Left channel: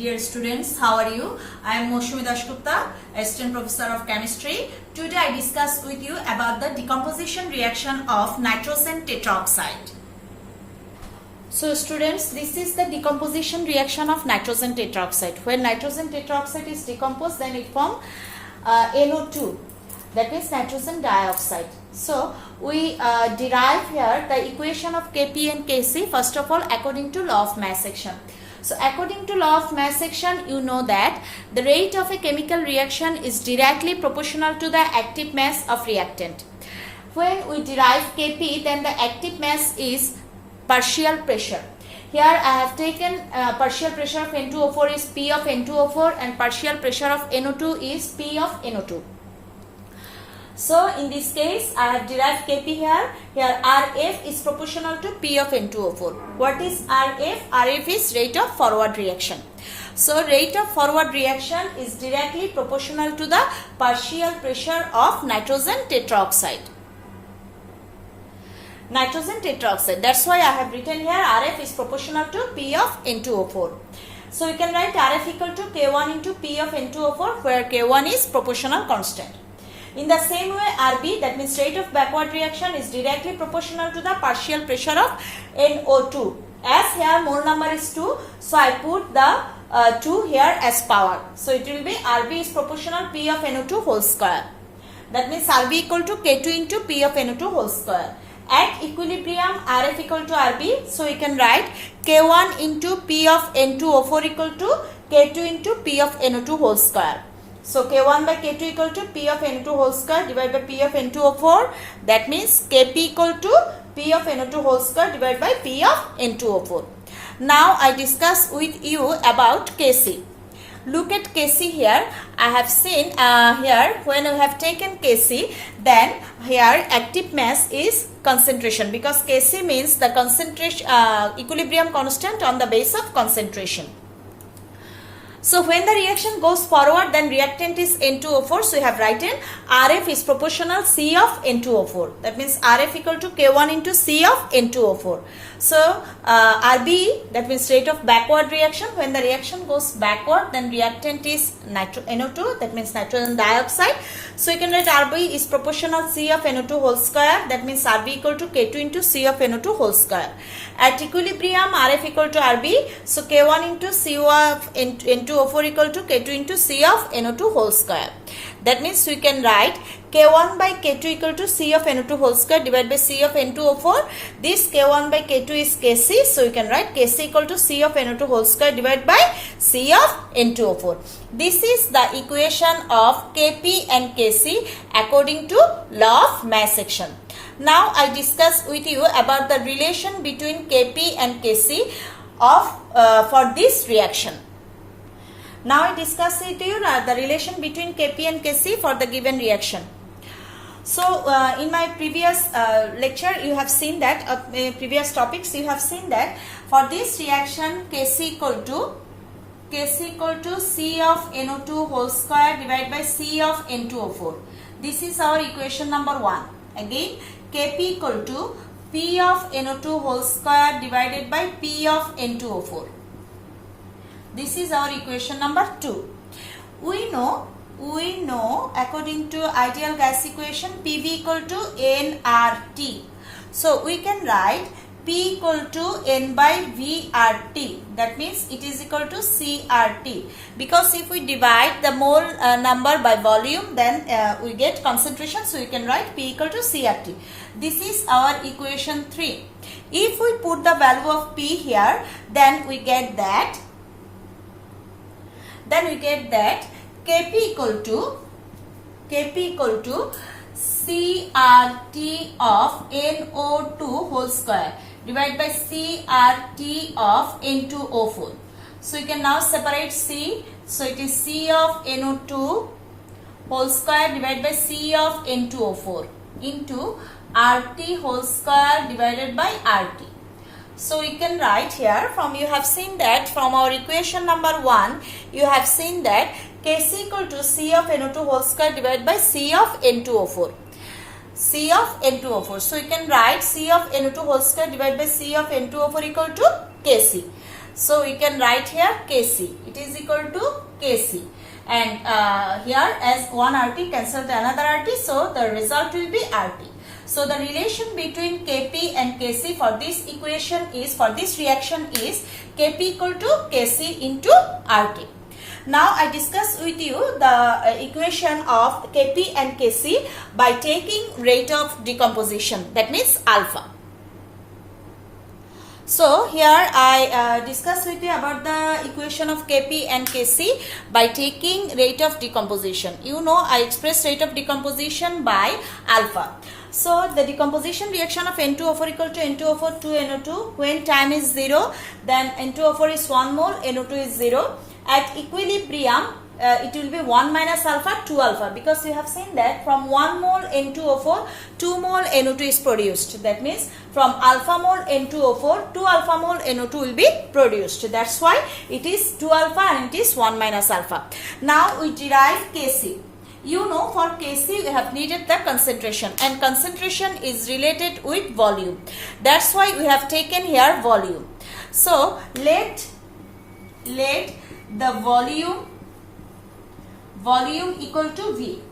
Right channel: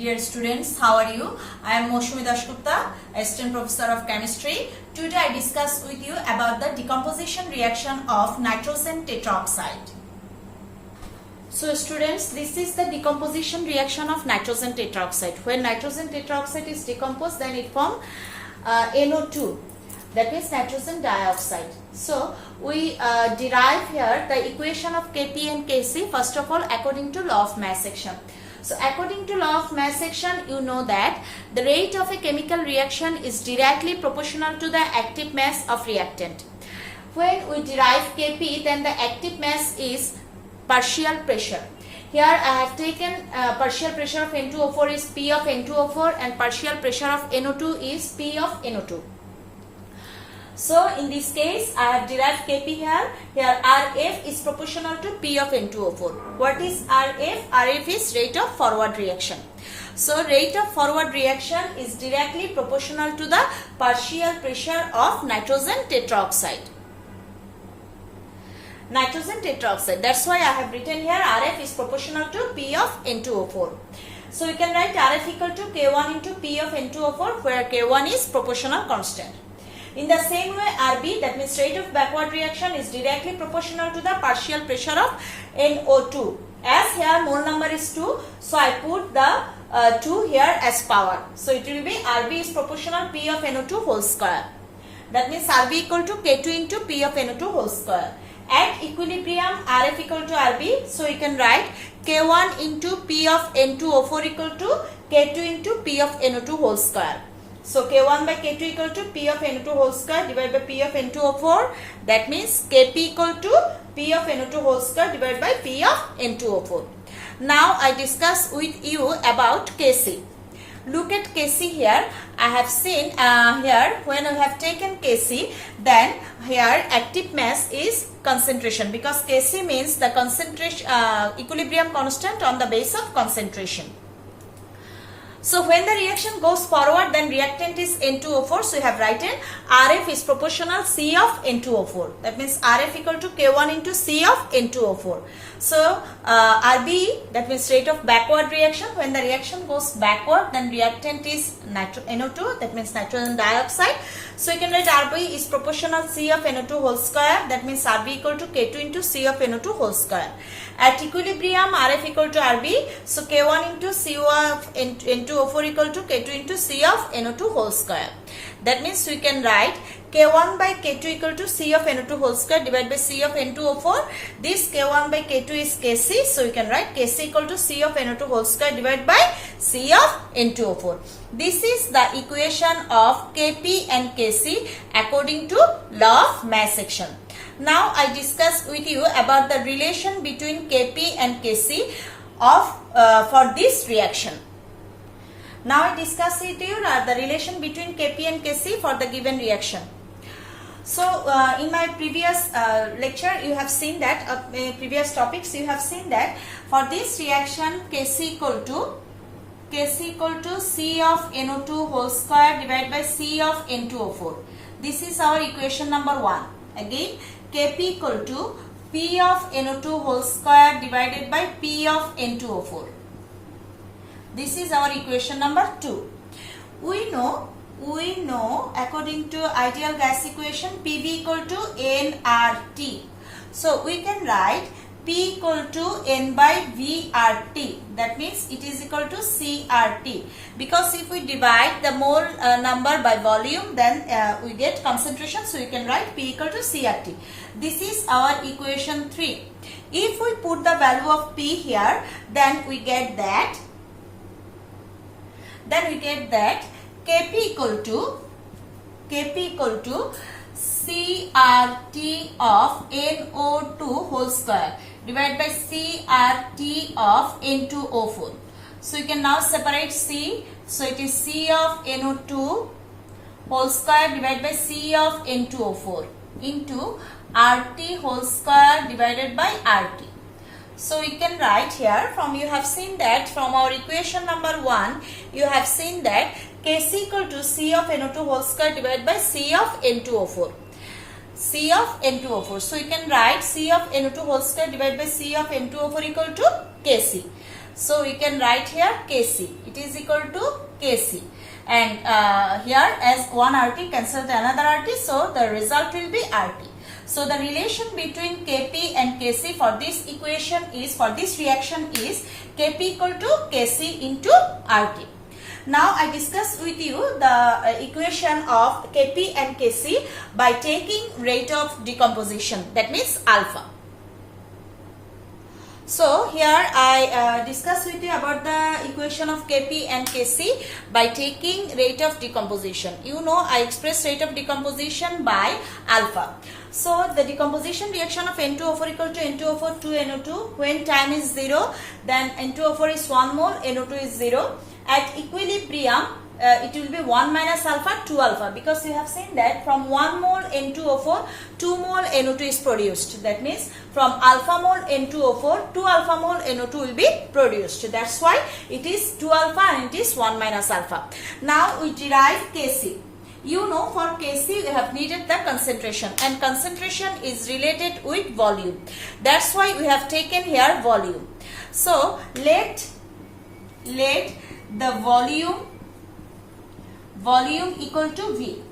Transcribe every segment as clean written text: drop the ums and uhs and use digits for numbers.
Dear students, how are you? I am Moshumi Dashgupta, Assistant Professor of Chemistry. Today I discuss with you about the decomposition reaction of nitrogen tetroxide. So students, this is the decomposition reaction of nitrogen tetroxide. When nitrogen tetroxide is decomposed, then it forms NO2, that means nitrogen dioxide. So we derive here the equation of Kp and Kc first of all according to law of mass action. So according to law of mass action, you know that the rate of a chemical reaction is directly proportional to the active mass of reactant. When we derive Kp, then the active mass is partial pressure. Here I have taken partial pressure of N2O4 is P of N2O4 and partial pressure of NO2 is P of NO2. So in this case I have derived Kp here. Here Rf is proportional to P of N2O4. What is Rf? Rf is rate of forward reaction. So rate of forward reaction is directly proportional to the partial pressure of nitrogen tetroxide. Nitrogen tetroxide. That's why I have written here Rf is proportional to P of N2O4. So we can write Rf equal to K1 into P of N2O4 where K1 is proportional constant. In the same way, Rb, that means rate of backward reaction, is directly proportional to the partial pressure of NO2. As here mole number is 2, so I put the 2 here as power. So it will be Rb is proportional P of NO2 whole square. That means Rb equal to K2 into P of NO2 whole square. At equilibrium, Rf equal to Rb, so we can write K1 into P of N2O4 equal to K2 into P of NO2 whole square. So K1 by K2 equal to P of N2 whole square divided by P of N2O4. That means Kp equal to P of N2 whole square divided by P of N2O4. Now I discuss with you about Kc. Look at Kc here. I have seen here when I have taken Kc, then here active mass is concentration, because Kc means the concentration equilibrium constant on the base of concentration. So when the reaction goes forward, then reactant is N2O4. So we have written Rf is proportional C of N2O4. That means Rf equal to K1 into C of N2O4. So Rb, that means rate of backward reaction. When the reaction goes backward, then reactant is NO2. That means nitrogen dioxide. So you can write Rb is proportional C of NO2 whole square. That means Rb equal to K2 into C of NO2 whole square. At equilibrium, Rf equal to Rb. So K1 into C of N2O4 equal to K2 into C of NO2 whole square. That means we can write K1 by K2 equal to C of NO2 whole square divided by C of N2O4. This K1 by K2 is Kc. So you can write Kc equal to C of NO2 whole square divided by C of N2O4. This is the equation of Kp and Kc according to law of mass action. Now I discuss with you about the relation between Kp and Kc for this reaction. Now I discuss with you the relation between Kp and Kc for the given reaction. So in my previous lecture you have seen that, previous topics you have seen that for this reaction Kc equal to C of NO2 whole square divided by C of N2O4. This is our equation number 1. Again Kp equal to P of NO2 whole square divided by P of N2O4. This is our equation number 2. We know according to ideal gas equation PV equal to nRT. So we can write P equal to N by VRT. That means it is equal to CRT. Because if we divide the mole number by volume, then we get concentration. So we can write P equal to CRT. This is our equation 3. If we put the value of P here, then we get that Kp equal to CRT of NO2 whole square divided by CRT of N2O4. So you can now separate C. So it is C of NO2 whole square divided by C of N2O4 into RT whole square divided by RT. So you can write here you have seen that from our equation number 1, you have seen that Kc equal to C of NO2 whole square divided by C of N2O4. C of N2O4. So you can write C of NO2 whole square divided by C of N2O4 equal to Kc. So we can write here Kc. It is equal to Kc. And here as one RT cancel to another RT, so the result will be RT. So the relation between Kp and Kc for this equation is, for this reaction is Kp equal to Kc into RT. Now I discuss with you the equation of Kp and Kc by taking rate of decomposition, that means alpha. So here I discuss with you about the equation of Kp and Kc by taking rate of decomposition. You know I express rate of decomposition by alpha. So the decomposition reaction of N2O4 equal to N2O4 2NO2. When tan is 0, then N2O4 is 1 mole, NO2 is 0. At equilibrium, it will be 1 minus alpha, 2 alpha, because we have seen that from 1 mole N2O4, 2 mole NO2 is produced. That means from alpha mole N2O4, 2 alpha mole NO2 will be produced. That's why it is 2 alpha and it is 1 minus alpha. Now we derive Kc. You know for Kc we have needed the concentration, and concentration is related with volume. That's why we have taken here volume. So let the volume equal to V.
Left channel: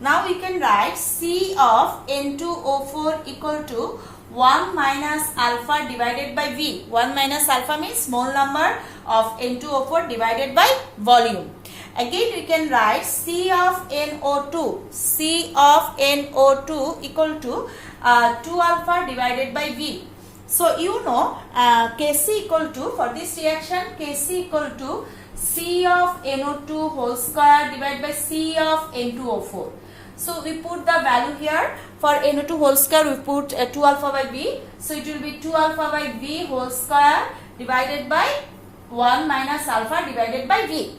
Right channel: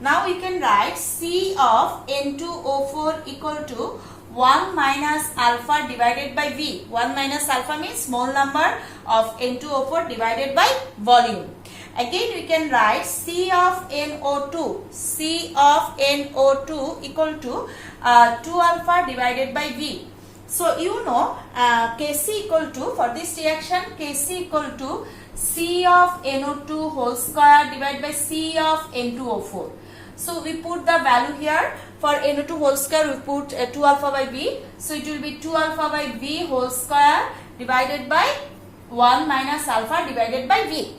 Now we can write C of N2O4 equal to 1 minus alpha divided by V. 1 minus alpha means mole number of N2O4 divided by volume. Again we can write C of NO2. C of NO2 equal to 2 alpha divided by V. So you know Kc equal to, for this reaction Kc equal to C of NO2 whole square divided by C of N2O4. So we put the value here. For NO2 whole square we put 2 alpha by V. So it will be 2 alpha by V whole square divided by 1 minus alpha divided by V.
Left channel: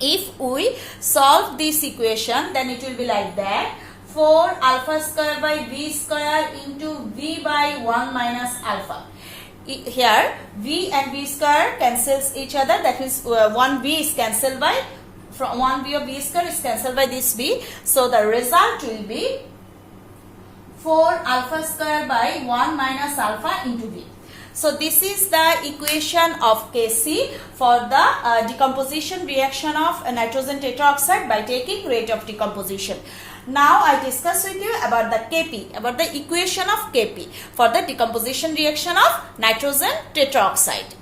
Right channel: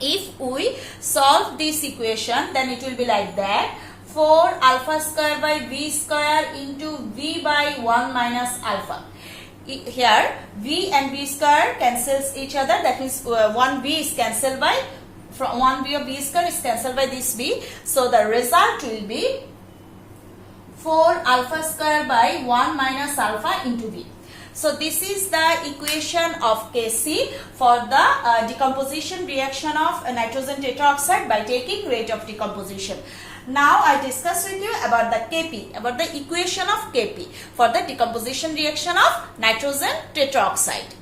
If we solve this equation, then it will be like that. 4 alpha square by V square into V by 1 minus alpha. Here V and V square cancels each other. That is 1 V is cancelled by, from 1 V of V square is cancelled by this V. So the result will be 4 alpha square by 1 minus alpha into V. So this is the equation of Kc for the decomposition reaction of nitrogen tetroxide by taking rate of decomposition. Now I discuss with you about the Kp, about the equation of Kp for the decomposition reaction of nitrogen tetroxide.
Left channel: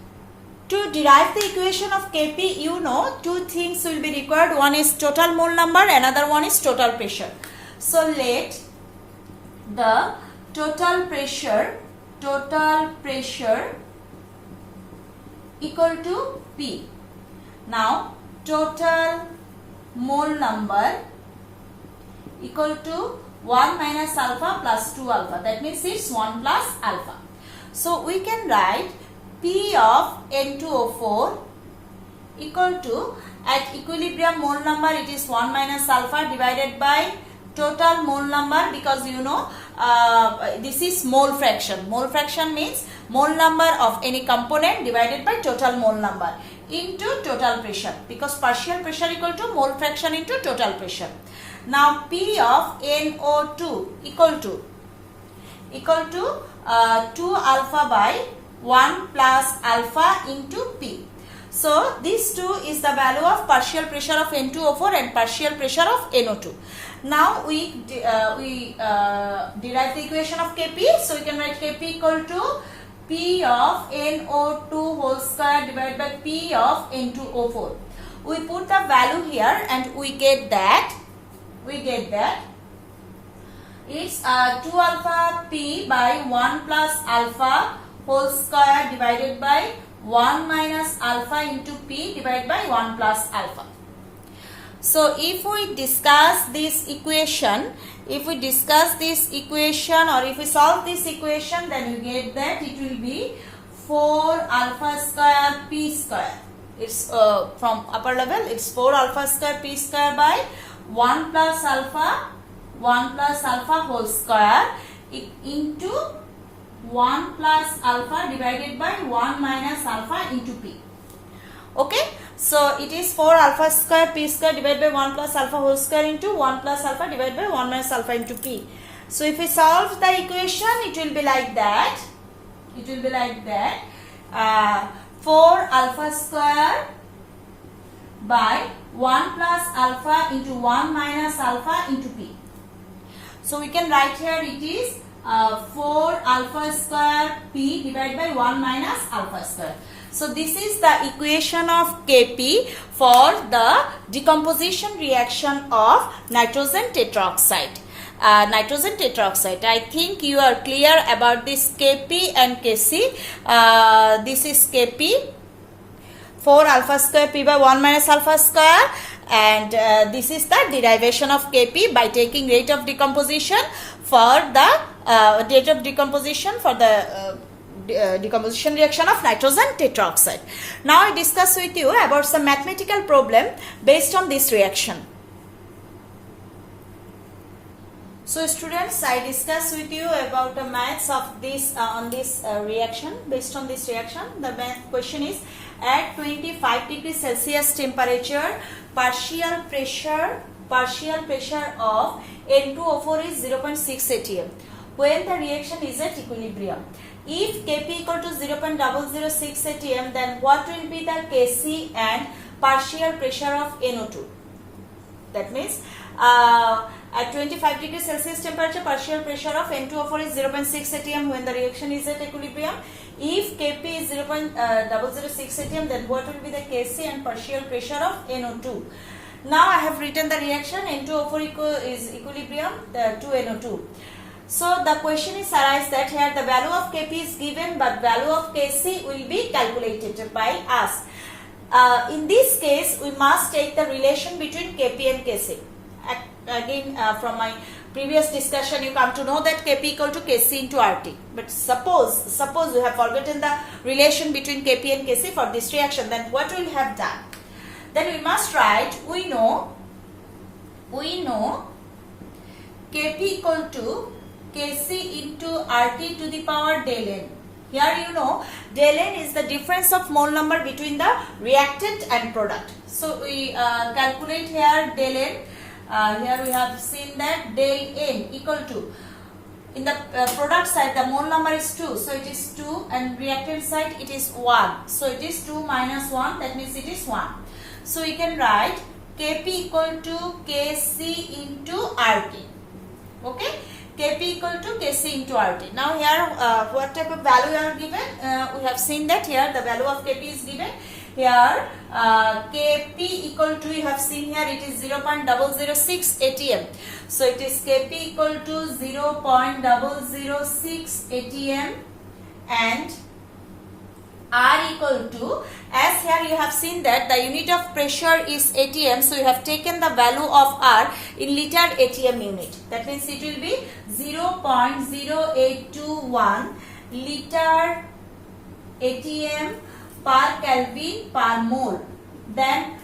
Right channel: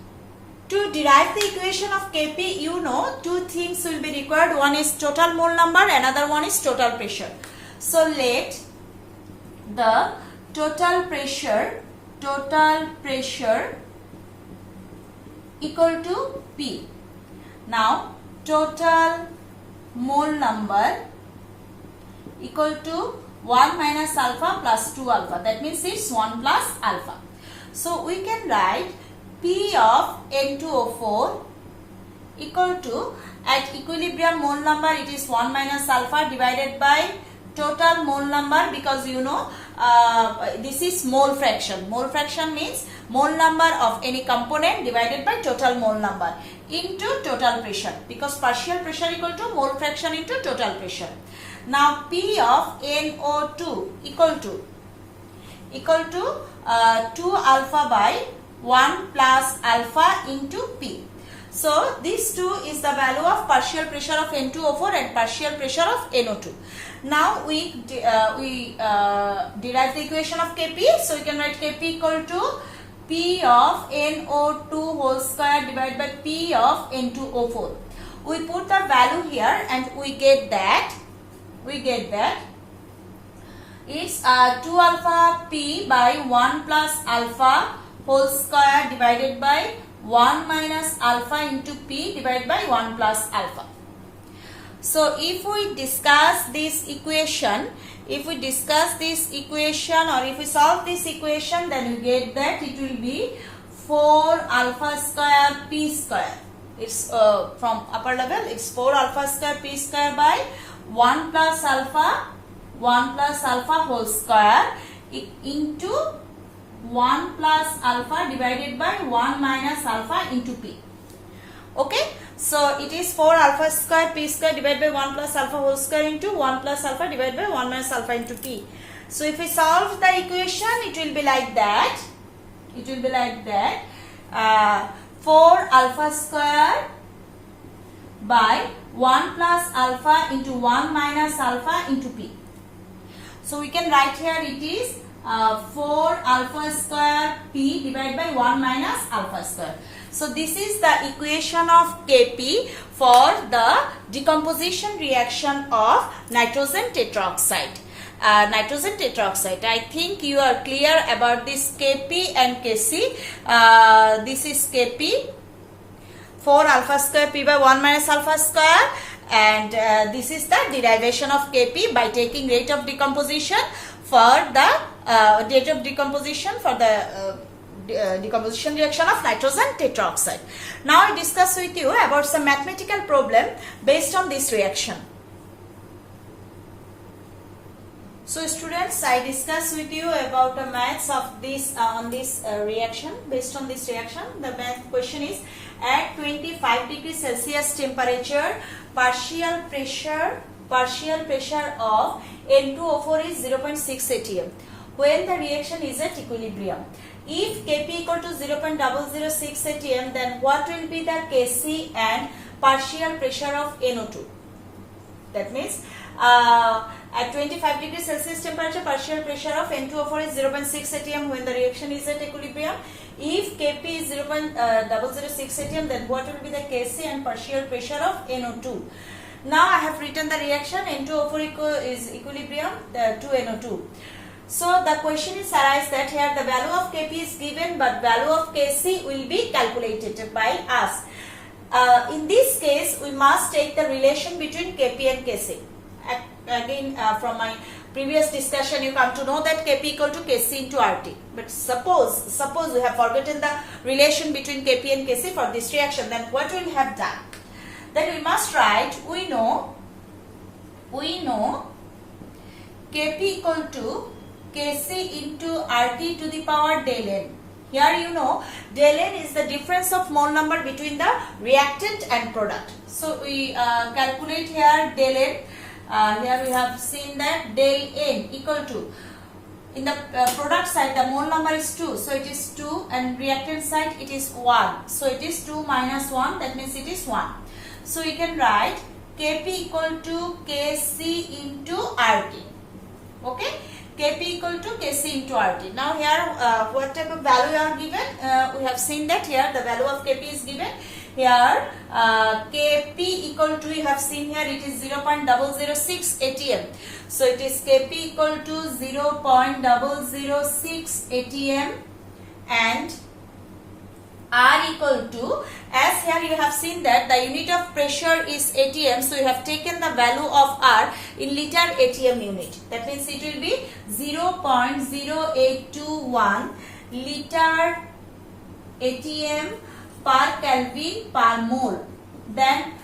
To derive the equation of Kp, you know two things will be required. One is total mole number, another one is total pressure. So let the total pressure equal to P. Now total mole number equal to 1 minus alpha plus 2 alpha. That means it's 1 plus alpha. So we can write P of N2O4 equal to, at equilibrium mole number it is 1 minus alpha divided by total mole number, because you know this is mole fraction. Mole fraction means mole number of any component divided by total mole number into total pressure, because partial pressure equal to mole fraction into total pressure. Now P of NO2 equal to 2 alpha by 1 plus alpha into P. So this 2 is the value of partial pressure of N2O4 and partial pressure of NO2. Now we derive the equation of Kp. So we can write Kp equal to P of NO2 whole square divided by P of N2O4. We put the value here and we get that it's 2 alpha P by 1 plus alpha whole square divided by 1 minus alpha into P divided by 1 plus alpha. So if we discuss this equation, or if we solve this equation, then we get that it will be 4 alpha square P square. It's from upper level, it's 4 alpha square P square by 1 plus alpha whole square into 1 plus alpha divided by 1 minus alpha into P. Okay, so it is 4 alpha square P square divided by 1 plus alpha whole square into 1 plus alpha divided by 1 minus alpha into P. So if we solve the equation, it will be like that. 4 alpha square by 1 plus alpha into 1 minus alpha into P. So we can write here it is 4 alpha square P divided by 1 minus alpha square. So this is the equation of Kp for the decomposition reaction of nitrogen tetroxide. I think you are clear about this Kp and Kc. This is Kp, 4 alpha square P by 1 minus alpha square, and this is the derivation of Kp by taking rate of decomposition for the decomposition reaction of nitrogen tetroxide. Now I discuss with you about some mathematical problem based on this reaction. So students, I discuss with you about the maths of this on this reaction. Based on this reaction, the math question is: at 25 degrees Celsius temperature, partial pressure of N2O4 is 0.6 atm when the reaction is at equilibrium. If Kp equal to 0.006 atm, then what will be the Kc and partial pressure of NO2? That means at 25 degrees Celsius temperature, partial pressure of N2O4 is 0.6 atm when the reaction is at equilibrium. If Kp is 0.006 atm, then what will be the Kc and partial pressure of NO2? Now I have written the reaction. N2O4 is equilibrium to NO2. So the question is arise that here the value of Kp is given, but value of Kc will be calculated by us. In this case, we must take the relation between Kp and Kc. Again, from my previous discussion, you come to know that Kp equal to Kc into RT. But suppose we have forgotten the relation between Kp and Kc for this reaction, then what we have done? Then we must write, we know Kp equal to Kc into RT to the power del N. Here you know del N is the difference of mole number between the reactant and product. So we calculate here del N. Here we have seen that del N equal to, in the product side the mole number is 2, so it is 2, and reactant side it is 1, so it is 2 minus 1, that means it is 1. So we can write Kp equal to Kc into RT. Okay, Kp equal to Kc into RT. Now here what type of value are given? We have seen that here the value of Kp is given. Here Kp equal to, you have seen here it is 0.006 atm. So it is Kp equal to 0.006 atm and R equal to, as here you have seen that the unit of pressure is atm, so you have taken the value of R in liter atm unit. That means it will be 0.0821 liter atm per Kelvin per mole. Then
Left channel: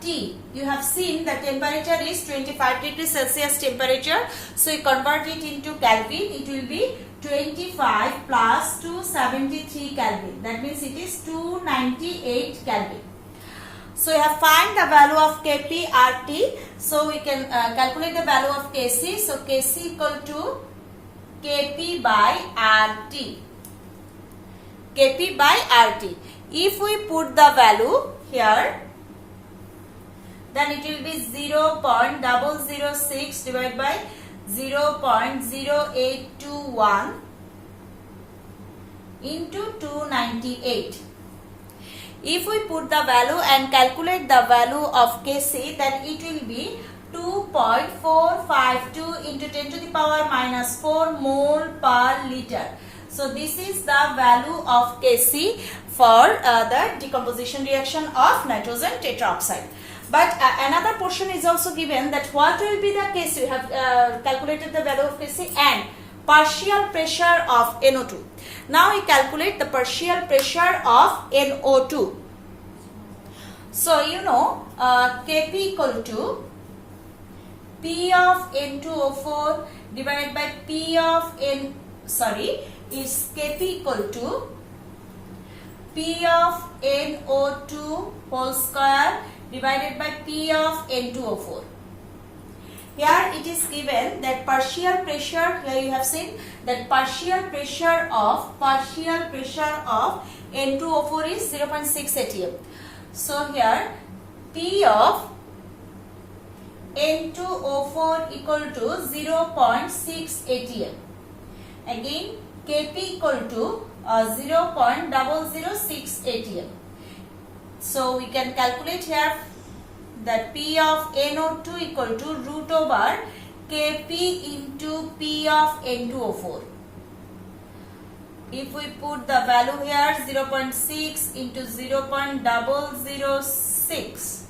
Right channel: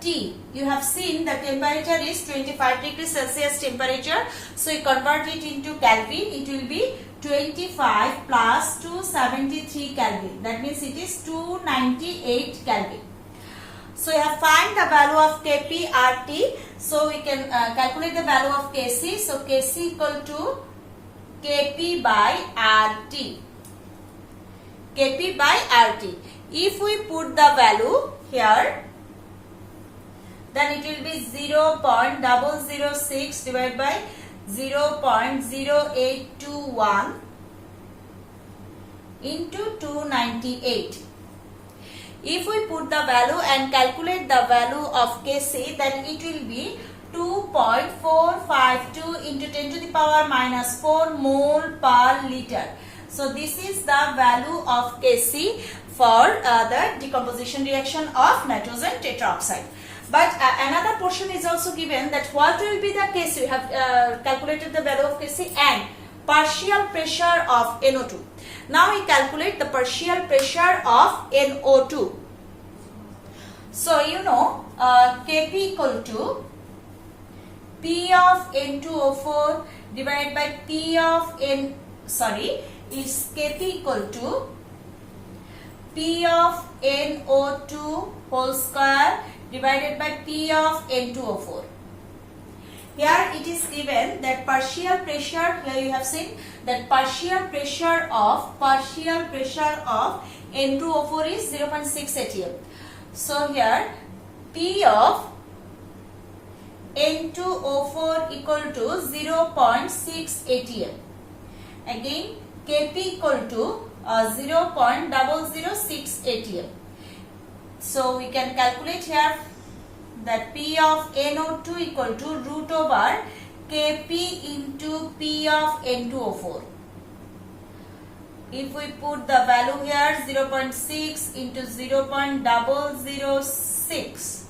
T, you have seen the temperature is 25 degrees Celsius temperature, so you convert it into Kelvin, it will be 25 plus 273 Kelvin, that means it is 298 Kelvin. So you have find the value of Kp RT, so we can calculate the value of Kc. So Kc equal to Kp by RT. Kp by RT. If we put the value here, then it will be 0.006 divided by 0.0821 into 298. If we put the value and calculate the value of Kc, then it will be 2.452 into 10 to the power minus 4 mole per liter. So this is the value of Kc for the decomposition reaction of nitrogen tetroxide. But another portion is also given, that what will be the Kc. We have calculated the value of Kc and partial pressure of NO2. Now we calculate the partial pressure of NO2. So you know Kp equal to P of N2O4 divided by P of is Kp equal to P of NO2 whole square divided by P of N2O4. Here it is given that partial pressure, here you have seen that partial pressure of N2O4 is 0.6 atm. So here P of N2O4 equal to 0.6 atm. Again Kp equal to 0.006 atm. So we can calculate here that P of NO2 equal to root over Kp into P of N2O4. If we put the value here 0.6 into 0.006,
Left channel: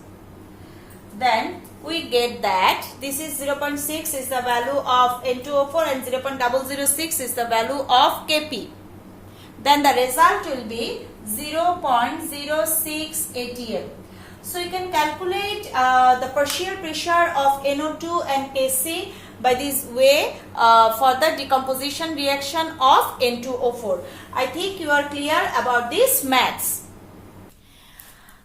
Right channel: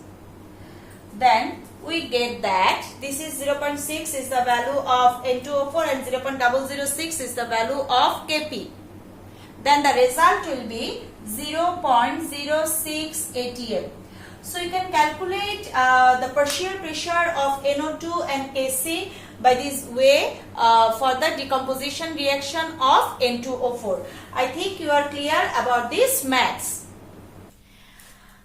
then we get that this is 0.6 is the value of N2O4 and 0.006 is the value of Kp. Then the result will be 0.06 atm. So you can calculate the partial pressure of NO2 and Kc by this way for the decomposition reaction of N2O4. I think you are clear about this maths.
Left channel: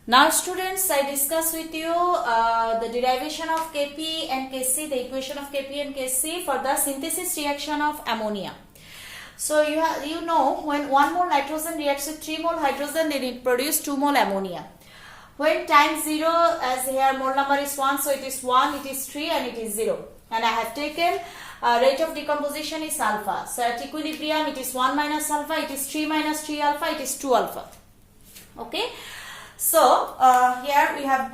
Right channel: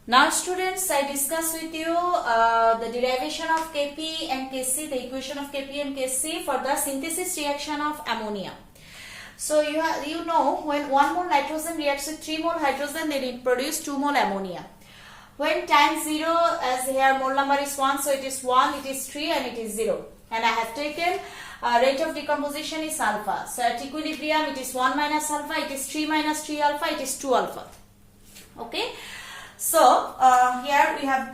Now students, I discuss with you the derivation of Kp and Kc, the equation of Kp and Kc for the synthesis reaction of ammonia. So you know when 1 mole nitrogen reacts with 3 mole hydrogen, it produces 2 mole ammonia. When time 0, as here mole number is 1, so it is 1, it is 3 and it is 0. And I have taken rate of decomposition is alpha. So at equilibrium it is 1 minus alpha, it is 3 minus 3 alpha, it is 2 alpha. Okay. So here we have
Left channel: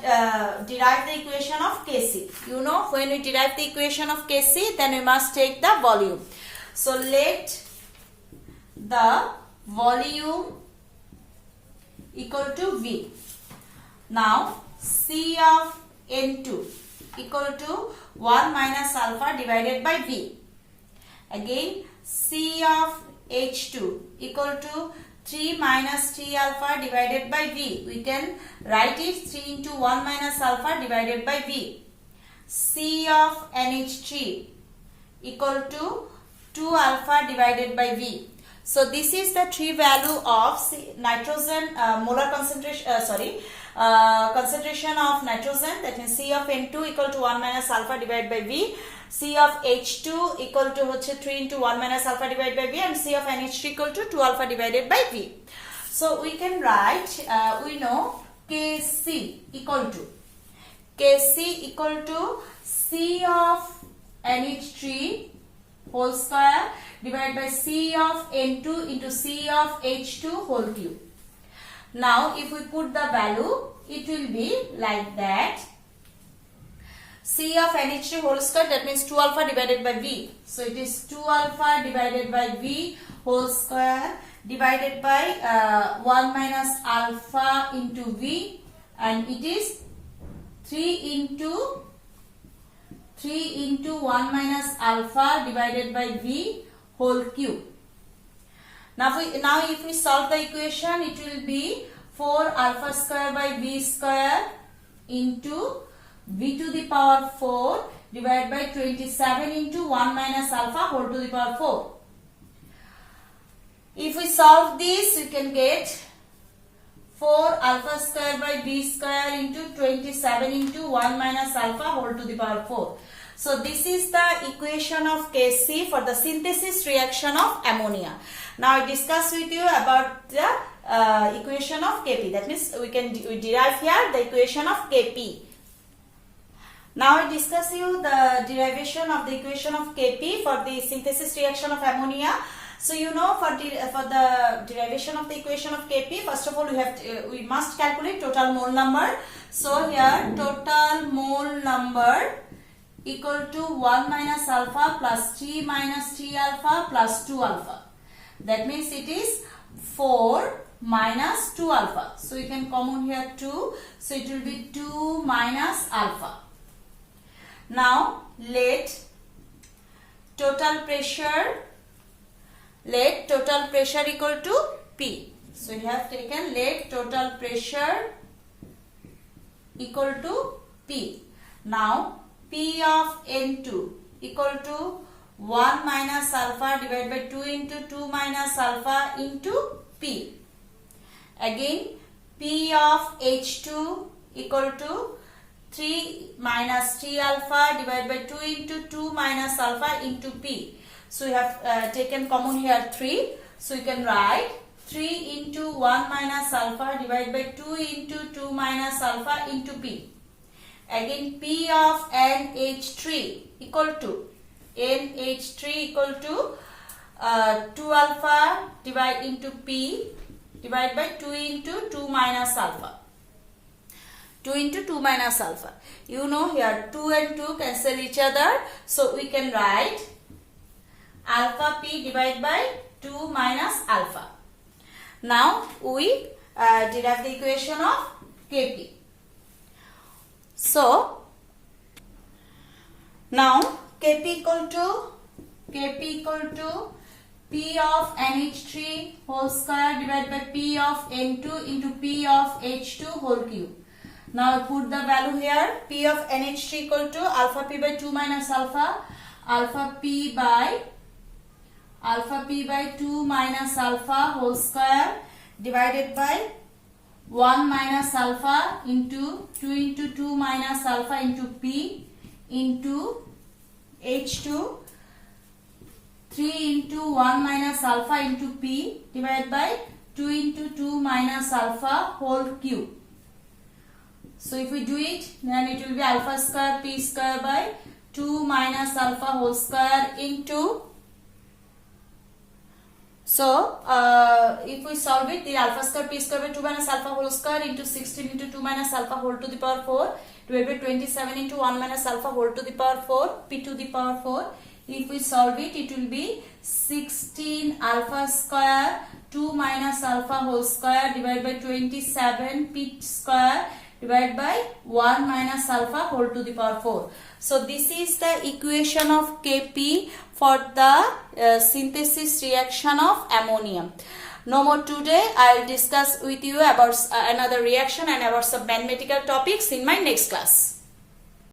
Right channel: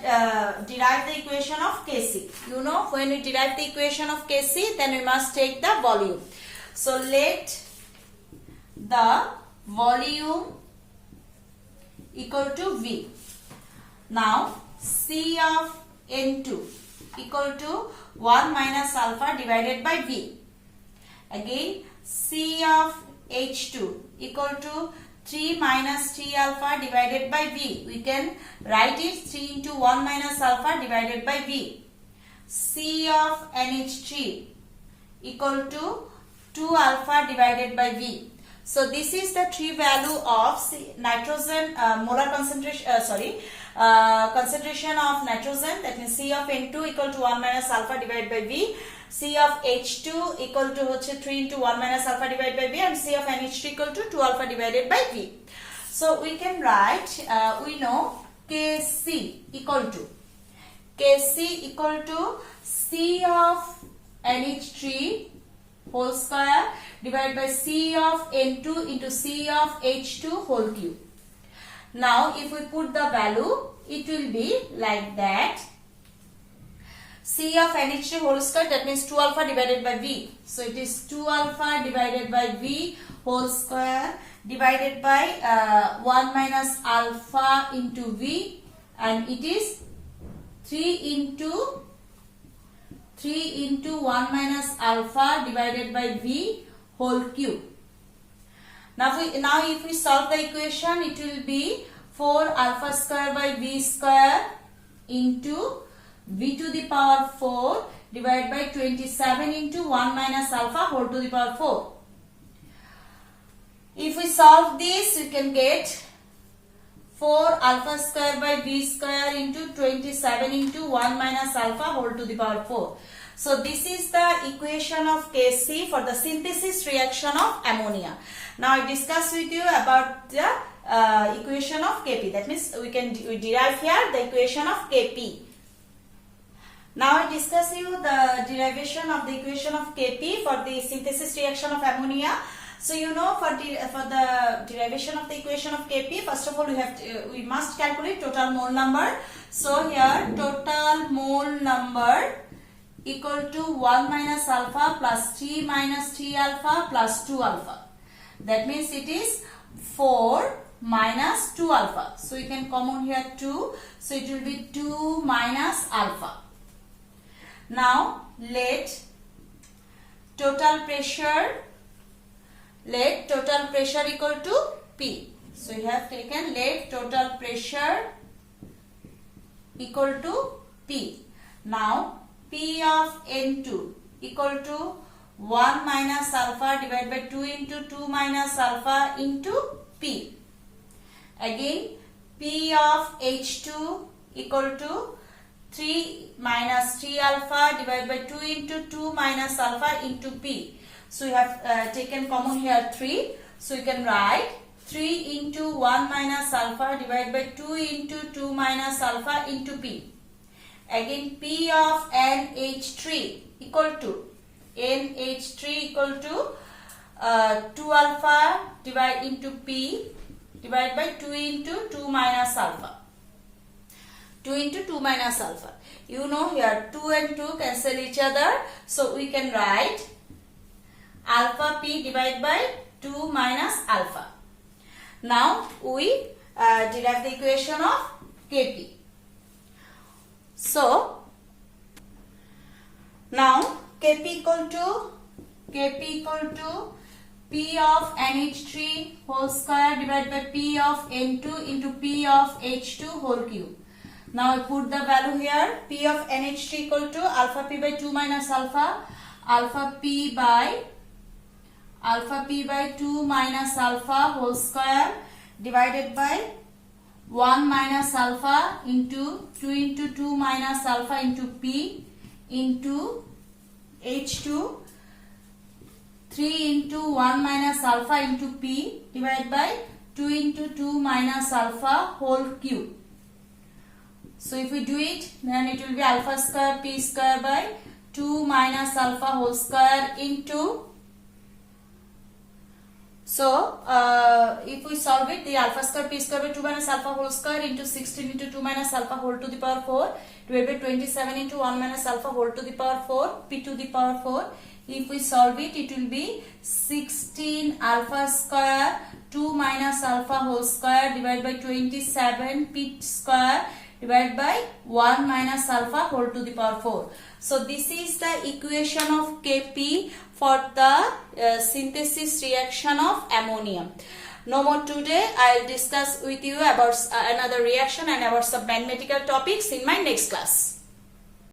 derived the equation of Kc. You know when we derive the equation of Kc, then we must take the volume. So let the volume equal to V. Now C of N2 equal to 1 minus alpha divided by V. Again C of H2 equal to 3 minus 3 alpha divided by V. We can write it 3 into 1 minus alpha divided by V. C of NH3 equal to 2 alpha divided by V. So this is the three value of nitrogen molar concentration, concentration of nitrogen, that means C of N2 equal to 1 minus alpha divided by V. C of H2 equal to 3 into 1 minus alpha divided by V, and C of NH3 equal to 2 alpha divided by V. So we can write, we know Kc equal to C of NH3 whole square divided by C of N2 into C of H2 whole cube. Now if we put the value, it will be like that. C of NH3 whole square, that means 2 alpha divided by V. So it is 2 alpha divided by V whole square divided by 1 minus alpha into V, and it is 3 into 1 minus alpha divided by V whole cube. Now if we solve the equation, it will be 4 alpha square by V square into V to the power 4 divided by 27 into 1 minus alpha whole to the power 4. If we solve this, we can get 4 alpha square by V square into 27 into 1 minus alpha whole to the power 4. So this is the equation of Kc for the synthesis reaction of ammonia. Now I discuss with you about the equation of Kp. That means we derive here the equation of Kp. Now I discuss you the derivation of the equation of Kp for the synthesis reaction of ammonia. So you know for the derivation of the equation of Kp, first of all we must calculate total mole number. So here total mole number equal to 1 minus alpha plus 3 minus 3 alpha plus 2 alpha. That means it is 4 minus 2 alpha. So you can common here 2. So it will be 2 minus alpha. Now let total pressure equal to P. So we have taken let total pressure equal to P. Now P of N2 equal to 1 minus alpha divided by 2 into 2 minus alpha into P. Again P of H2 equal to 3 minus 3 alpha divided by 2 into 2 minus alpha into P. So we have taken common here 3. So you can write 3 into 1 minus alpha divided by 2 into 2 minus alpha into P. Again P of NH3 equal to NH3 equal to 2 alpha divided into P divided by 2 into 2 minus alpha. 2 into 2 minus alpha. You know here 2 and 2 cancel each other. So we can write alpha P divided by 2 minus alpha. Now we derive the equation of Kp. So now Kp equal to P of NH3 whole square divided by P of N2 into P of H2 whole cube. Now I put the value here. P of NH3 equal to alpha P by 2 minus alpha P by 2 minus alpha whole square divided by 1 minus alpha into 2 into 2 minus alpha into P into H2 3 into 1 minus alpha into P divided by 2 into 2 minus alpha whole cube. So if we do it, then it will be alpha square P square by 2 minus alpha whole square into. So if we solve it, the alpha square P square by 2 minus alpha whole square into 16 into 2 minus alpha whole to the power 4 divided by 27 into 1 minus alpha whole to the power 4 P to the power 4. If we solve it, it will be 16 alpha square 2 minus alpha whole square divided by 27 P square divided by 1 minus alpha whole to the power 4. So this is the equation of Kp for the synthesis reaction of ammonium. No more today. I will discuss with you about another reaction and about some mathematical topics in my next class.